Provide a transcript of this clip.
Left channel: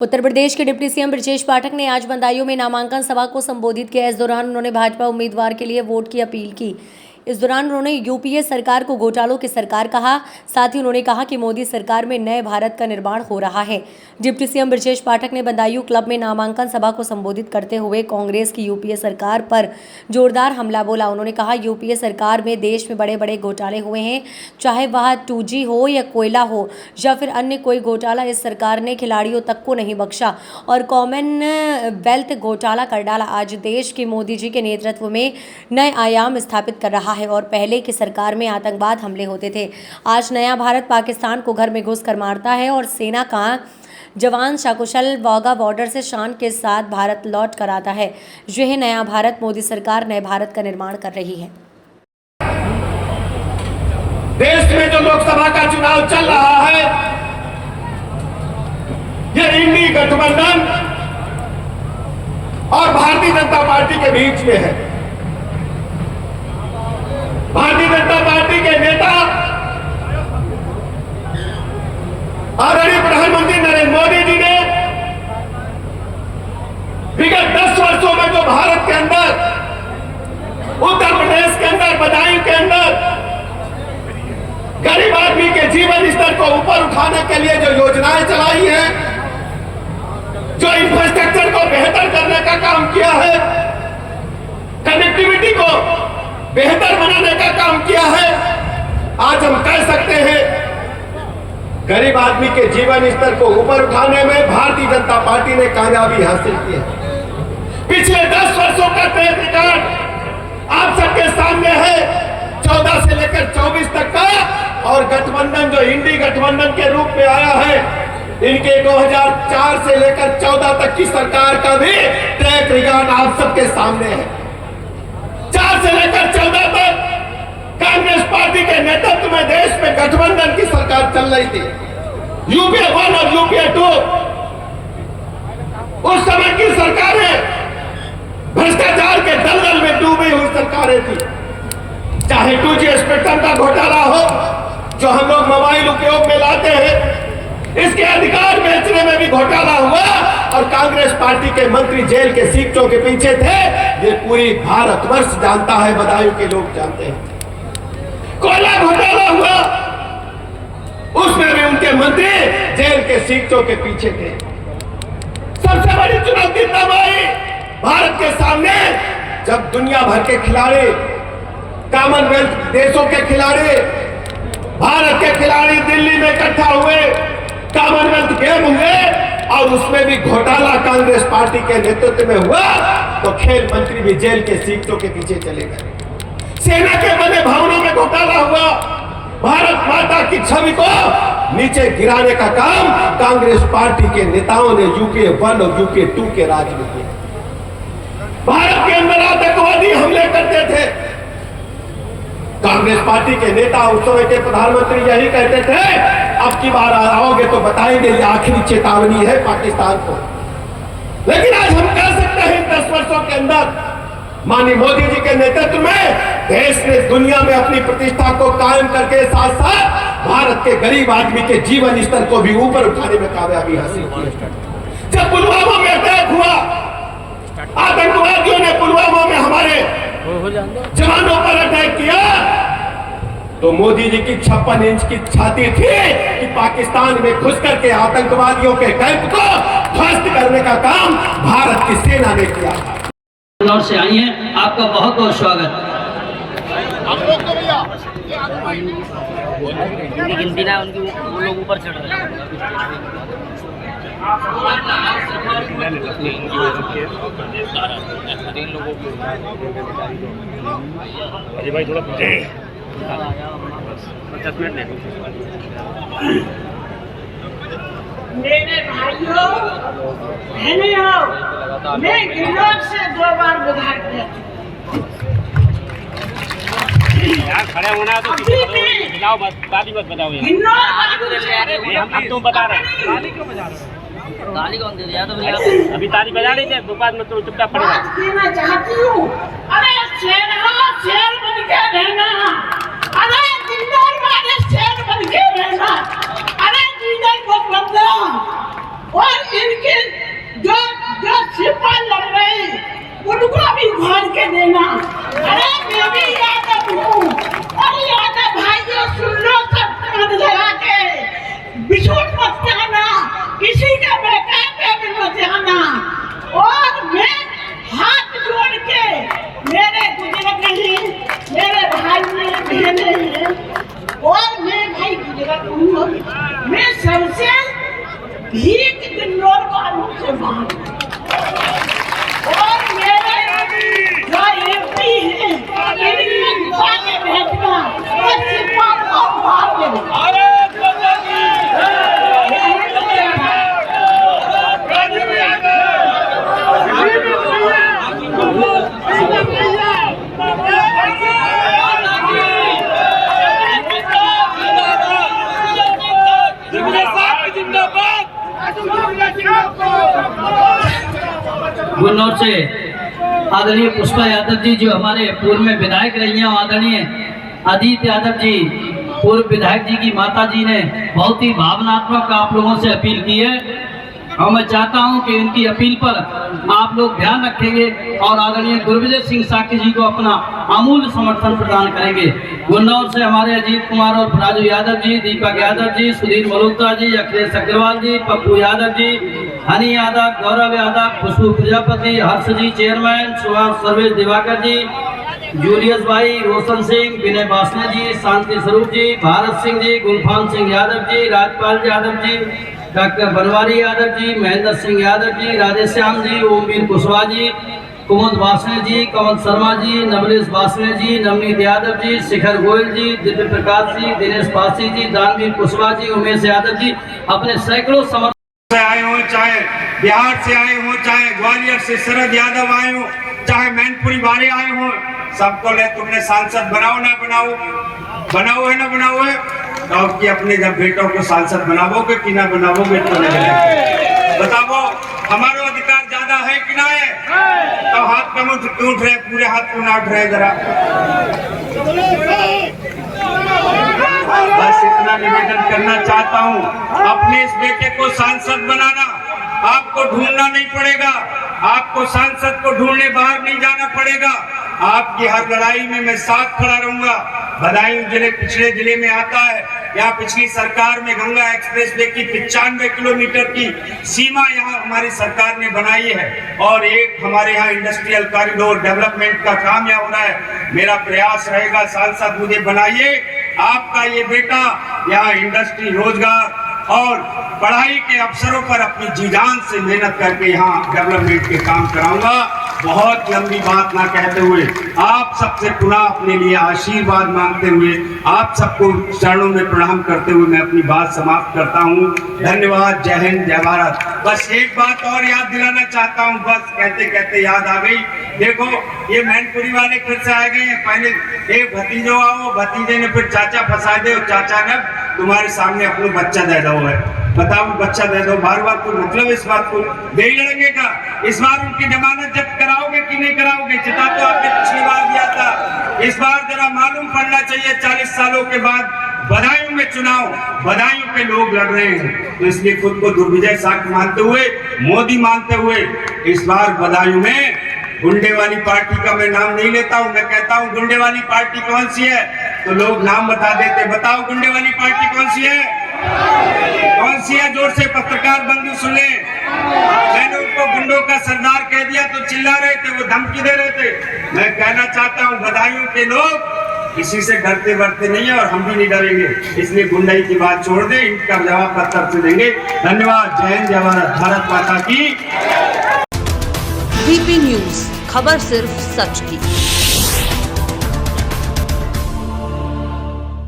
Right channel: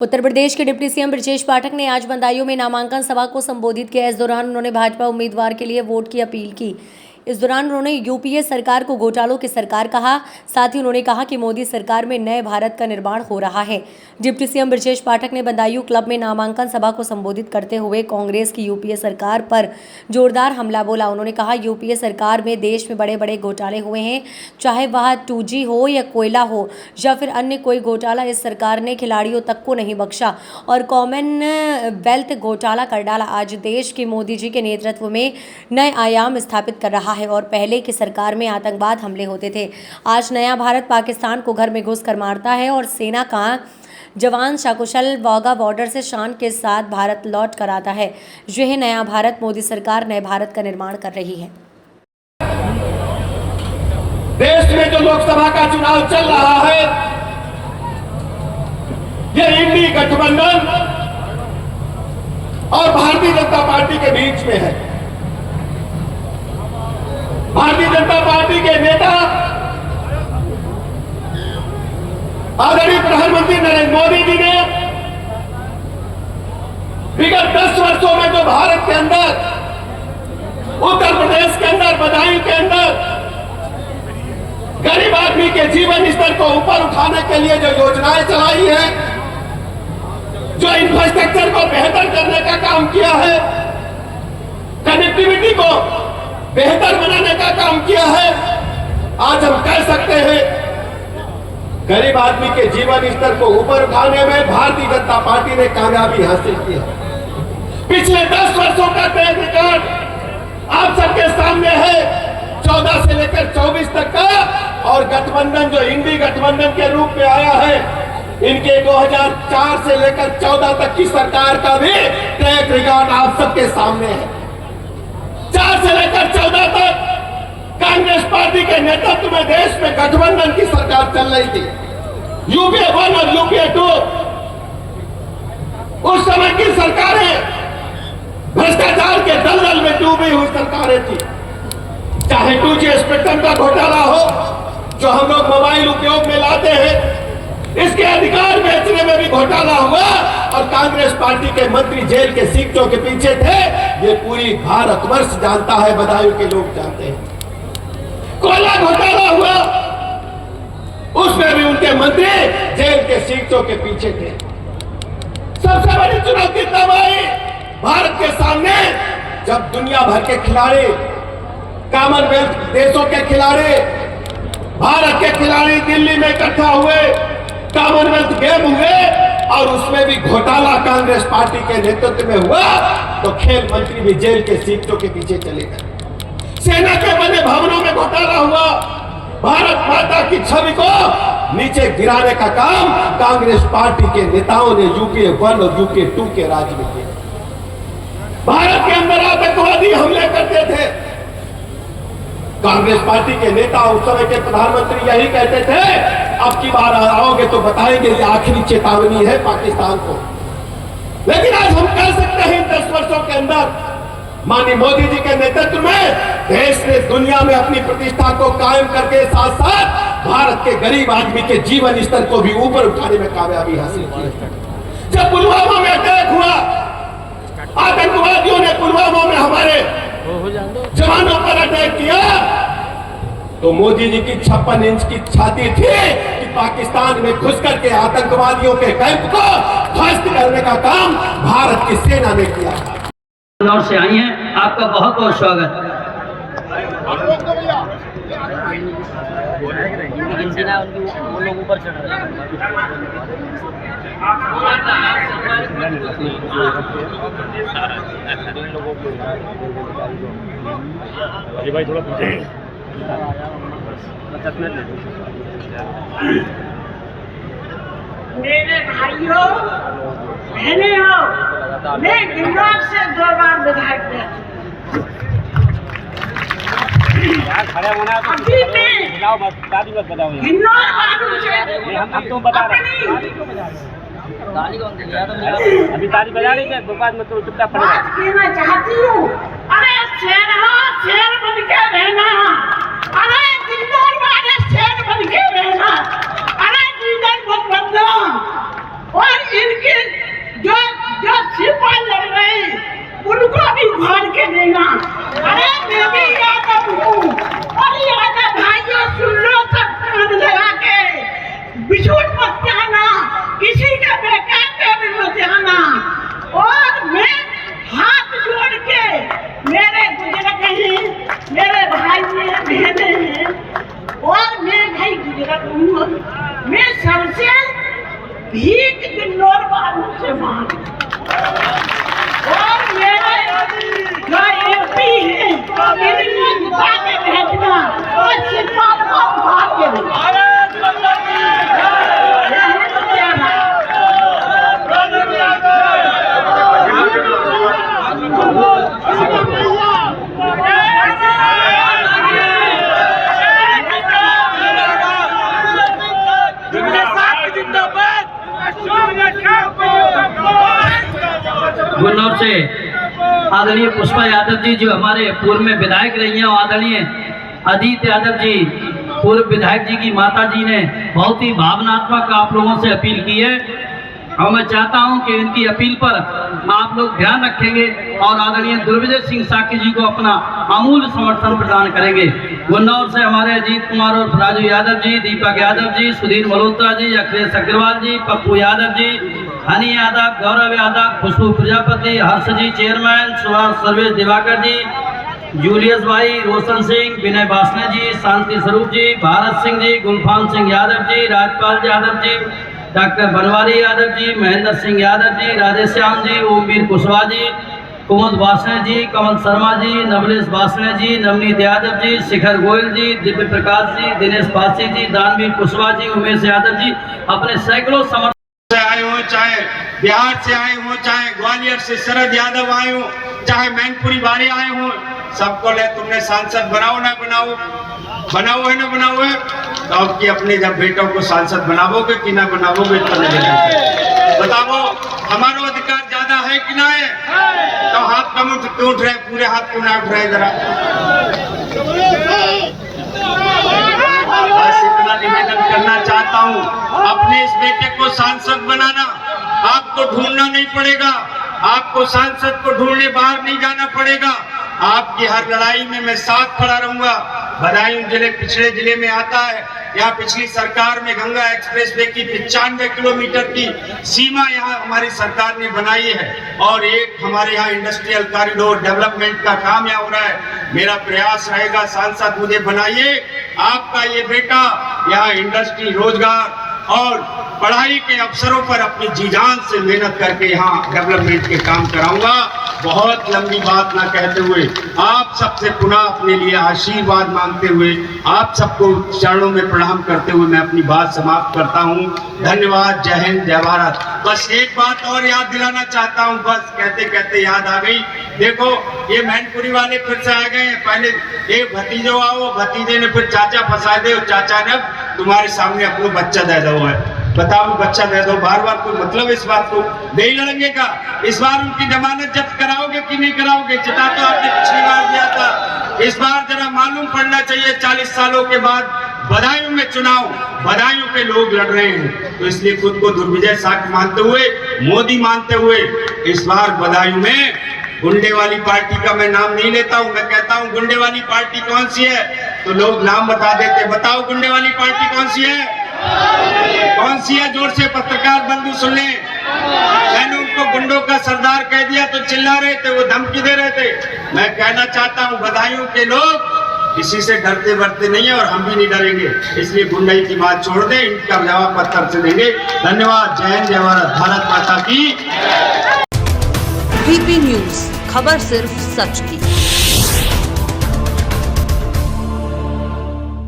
उत्तर प्रदेश के deputy CM Brijesh पाठक ने आज बदायूं में नामांकन सभा को संबोधित किया। इस दौरान उन्होंने भाजपा उम्मीदवार के लिए वोट की अपील की। इस दौरान उन्होंने यूपीए सरकार को घोटालों की सरकार कहा। साथ ही उन्होंने कहा कि मोदी सरकार में नए भारत का निर्माण हो रहा है। डिप्टी सीएम बृजेश पाठक ने बदायूं क्लब में नामांकन सभा को संबोधित करते हुए कांग्रेस की यूपीए सरकार पर जोरदार हमला बोला। उन्होंने कहा, यूपीए सरकार में देश में बड़े बड़े घोटाले हुए हैं, चाहे वह 2G हो या कोयला हो या फिर अन्य कोई घोटाला। इस सरकार ने खिलाड़ियों तक को नहीं बख्शा और कॉमनवेल्थ घोटाला कर डाला। आज देश के मोदी जी के नेतृत्व में नए आयाम स्थापित कर रहा है और पहले की सरकार में आतंकवाद हमले होते थे। आज नया भारत पाकिस्तान को घर में घुस कर मारता है और सेना का जवान सकुशल वाघा बॉर्डर से शान के साथ भारत लौट कर आता है। यह नया भारत, मोदी सरकार नए भारत का निर्माण कर रही है। देश में जो लोकसभा का चुनाव चल रहा है, यह इंडी गठबंधन और भारतीय जनता पार्टी के बीच में है। भारतीय जनता पार्टी के नेता आदरणीय प्रधानमंत्री नरेंद्र मोदी जी ने विगत 10 वर्षों में जो भारत के अंदर, उत्तर प्रदेश के अंदर, बदायूं के अंदर गरीब आदमी के जीवन स्तर को ऊपर उठाने के लिए जो योजनाएं चलाई हैं, जो इंफ्रास्ट्रक्चर को बेहतर करने का काम किया है, कनेक्टिविटी को बेहतर बनाने का काम किया है, आज हम कह सकते हैं गरीब आदमी के जीवन स्तर को ऊपर उठाने में भारतीय जनता पार्टी ने कामयाबी हासिल की है। पिछले 10 वर्षों का ट्रैक रिकॉर्ड आप सबके सामने है, 14 से लेकर 24 तक का, और गठबंधन जो इंडी गठबंधन के रूप में आया है, इनके 2004 से लेकर 14 तक की सरकार का भी ट्रैक रिकॉर्ड आप सबके सामने है। 4 से लेकर 14 तक कांग्रेस पार्टी के नेतृत्व में देश में गठबंधन की सरकार चल रही थी, यूपीए 1 और यूपीए 2। उस समय की सरकारें भ्रष्टाचार के दलदल में डूबी हुई सरकारें थी। चाहे 2G स्पेक्ट्रम का घोटाला हो जो हम लोग मोबाइल उपयोग में लाते हैं, इसके अधिकार बेचने में भी घोटाला हुआ और कांग्रेस पार्टी के मंत्री जेल के सीटों के पीछे थे। ये पूरी भारतवर्ष जानता है, बदायूं के लोग जानते हैं। कोयला घोटाला हुआ, उसमें भी उनके मंत्री जेल के सीटों के पीछे थे। सबसे बड़ी चुनौती तब आई भारत के सामने जब दुनिया भर के खिलाड़ी, कॉमनवेल्थ देशों के खिलाड़ी, भारत के खिलाड़ी दिल्ली में इकट्ठा हुए, कॉमनवेल्थ गेम हुए और उसमें भी घोटाला कांग्रेस पार्टी के नेतृत्व में हुआ, तो खेल मंत्री भी जेल के सीटों के पीछे चले गए। सेना के बने भवनों में घोटाला हुआ, भारत माता की छवि को नीचे गिराने का काम कांग्रेस पार्टी के नेताओं ने यूपीए 1 और यूपीए 2 के राज में किया। भारत के अंदर आतंकवादी हमले करते थे, कांग्रेस पार्टी के नेता, उस समय के प्रधानमंत्री यही कहते थे, अब की बार आओगे तो बताएंगे ये आखिरी चेतावनी है पाकिस्तान को। लेकिन आज हम कह सकते हैं 10 वर्षों के अंदर माननीय मोदी जी के नेतृत्व में देश ने दुनिया में अपनी प्रतिष्ठा को कायम करके साथ साथ भारत के गरीब आदमी के जीवन स्तर को भी ऊपर उठाने में कामयाबी हासिल की। जब पुलवामा में अटैक हुआ, आतंकवादियों ने पुलवामा में हमारे जवानों पर अटैक किया, तो मोदी जी की 56 इंच की छाती थी कि पाकिस्तान में घुस करके आतंकवादियों के कैंप को ध्वस्त करने का काम भारत की सेना ने किया। इंदौर से आई हैं, आपका बहुत बहुत स्वागत। आप लोग तो भैया गिनती ना उनकी, वो लोग ऊपर चढ़ रहे हैं। भाई थोड़ा मेरे भाइयों बहनों, मैं इंदौर से 2 बार विधायक रही। खड़ा होना तो अभी मैं बताओ, मत दादी मत बताओ यार। इंदौर बाबू से हम तुम बता रहे ताली कौन दे दिया? तो अभी ताली बजा रही थी, बाद में तो चुपचाप पड़ बात कहना चाहती हूँ। अरे शेर बन के रहना, अरे इंदौर वाले शेर बन के रहना, अरे जीवन को बंदो और इनके जो जो सिपाही लड़ रहे उनको भी घर के देना। अरे मैं भी यादव हूँ और यादव भाइयों सुन लो, सब कान लगा के बिछुड़ मत जाना, किसी का बेकार पे भी मत जाना। और मैं हाथ जोड़ के मेरे गुजरात हैं, मेरे भाई मेरे बहने हैं और मैं भाई गुजरात हूँ, मैं सबसे भीख दिनों वालों से मांग और मेरे जो एमपी है इनको उठा के भेजना और सिपाही को उठा के भेजना। गुन्नौर से आदरणीय पुष्पा यादव जी जो हमारे पूर्व में विधायक रही हैं, आदरणीय अजीत यादव जी पूर्व विधायक जी की माता जी ने बहुत ही भावनात्मक आप लोगों से अपील की है और मैं चाहता हूं कि इनकी अपील पर आप लोग ध्यान रखेंगे और आदरणीय दुर्विजय सिंह साकी जी को अपना अमूल्य समर्थन प्रदान करेंगे। गुन्नौर से हमारे अजीत कुमार और राजू यादव जी, दीपक यादव जी, सुधीर मल्होत्रा जी, अखिलेश अग्रवाल जी, पप्पू यादव जी, हनी यादव, गौरव यादव, खुशबू प्रजापति, हर्ष जी चेयरमैन, सुभाष सर्वेश दिवाकर जी, जूलियस भाई, रोशन सिंह, विनय बासने जी, शांति स्वरूप जी, भारत सिंह जी, गुलफाम सिंह यादव जी, राजपाल यादव जी, डॉक्टर बनवारी यादव जी, महेंद्र सिंह यादव जी, राधेश्याम जी, ओमवीर कुशवाहा जी, कुमुद बासने जी, कमल शर्मा जी, नवलेश बासने जी, नवनीत यादव जी, शिखर गोयल जी, दिव्य प्रकाश जी, दिनेश पासी जी, दानवीर कुशवाहा जी, उमेश यादव जी अपने सैकड़ों समर्थक से आए हो, चाहे बिहार से आए हो, चाहे ग्वालियर से शरद यादव आए हो, चाहे मैनपुरी वाले आए हो, सबको ले तुमने सांसद बनाओ ना बनाओ, बनाओ है ना बनाओ है, तो अब की अपने जब बेटों को सांसद बनाओगे कि ना बनाओगे तो नहीं बताओ, हमारा अधिकार ज्यादा है कि ना है? तो हाथ कम उठ रहे, पूरे हाथ को ना उठ रहे जरा। बस इतना निवेदन करना चाहता हूँ, अपने इस बेटे को सांसद बनाना, आपको ढूंढना नहीं पड़ेगा, आपको सांसद को ढूंढने बाहर नहीं जाना पड़ेगा, आपकी हर लड़ाई में मैं साथ खड़ा रहूंगा। बदायूं जिले पिछड़े जिले में आता है, यहाँ पिछली सरकार में गंगा एक्सप्रेस वे की 95 किलोमीटर की सीमा यहाँ हमारी सरकार ने बनाई है और एक हमारे यहाँ इंडस्ट्रियल कॉरिडोर डेवलपमेंट का काम यहाँ हो रहा है। मेरा प्रयास रहेगा, सांसद मुझे बनाइए, आपका ये बेटा यहाँ इंडस्ट्री, रोजगार और पढ़ाई के अवसरों पर अपनी जी जान से मेहनत करके यहाँ डेवलपमेंट के काम कराऊंगा। बहुत लंबी बात ना कहते हुए आप सबसे पुनः अपने लिए आशीर्वाद मांगते हुए आप सबको चरणों में प्रणाम करते हुए मैं अपनी बात समाप्त करता हूँ। धन्यवाद। जय हिंद, जय भारत। बस एक बात और याद दिलाना चाहता हूँ, बस कहते कहते याद आ गई। देखो ये मैनपुरी वाले फिर से आ गए हैं, पहले एक भतीजो आओ, भतीजे ने फिर चाचा फंसा दे और चाचा ने तुम्हारे सामने अपना बच्चा दे दो है, बताओ बच्चा दे दो, बार बार कोई मतलब इस बात को नहीं लड़ेंगे का? इस बार उनकी जमानत जब्त कराओगे कि नहीं कराओगे? चिता तो आपने पिछली बार दिया था, इस बार जरा मालूम पड़ना चाहिए। 40 सालों के बाद बदायूं में चुनाव, बदायूं के लोग लड़ रहे हैं, तो इसलिए खुद को दुर्विजय साख मानते हुए, मोदी मानते हुए इस बार बदायूं में गुंडे वाली पार्टी का मैं नाम नहीं लेता हूं, मैं कहता हूं गुंडे वाली पार्टी कौन सी है, तो लोग नाम बता देते, बताओ गुंडे वाली पार्टी कौन सी है? कौन सी है? जोर से पत्रकार बंधु सुन ले। मैंने उनको गुंडों का सरदार कह दिया तो चिल्ला रहे थे, वो धमकी दे रहे थे। मैं कहना चाहता हूं बदायूं के लोग किसी से डरते बरते नहीं है और हम भी नहीं डरेंगे, इसलिए गुंडाई की बात छोड़ दें, इनका जवाब पत्थर से देंगे। धन्यवाद। जय हिंद, जय भारत। भारत माता की। डीपी न्यूज, खबर सिर्फ सच की।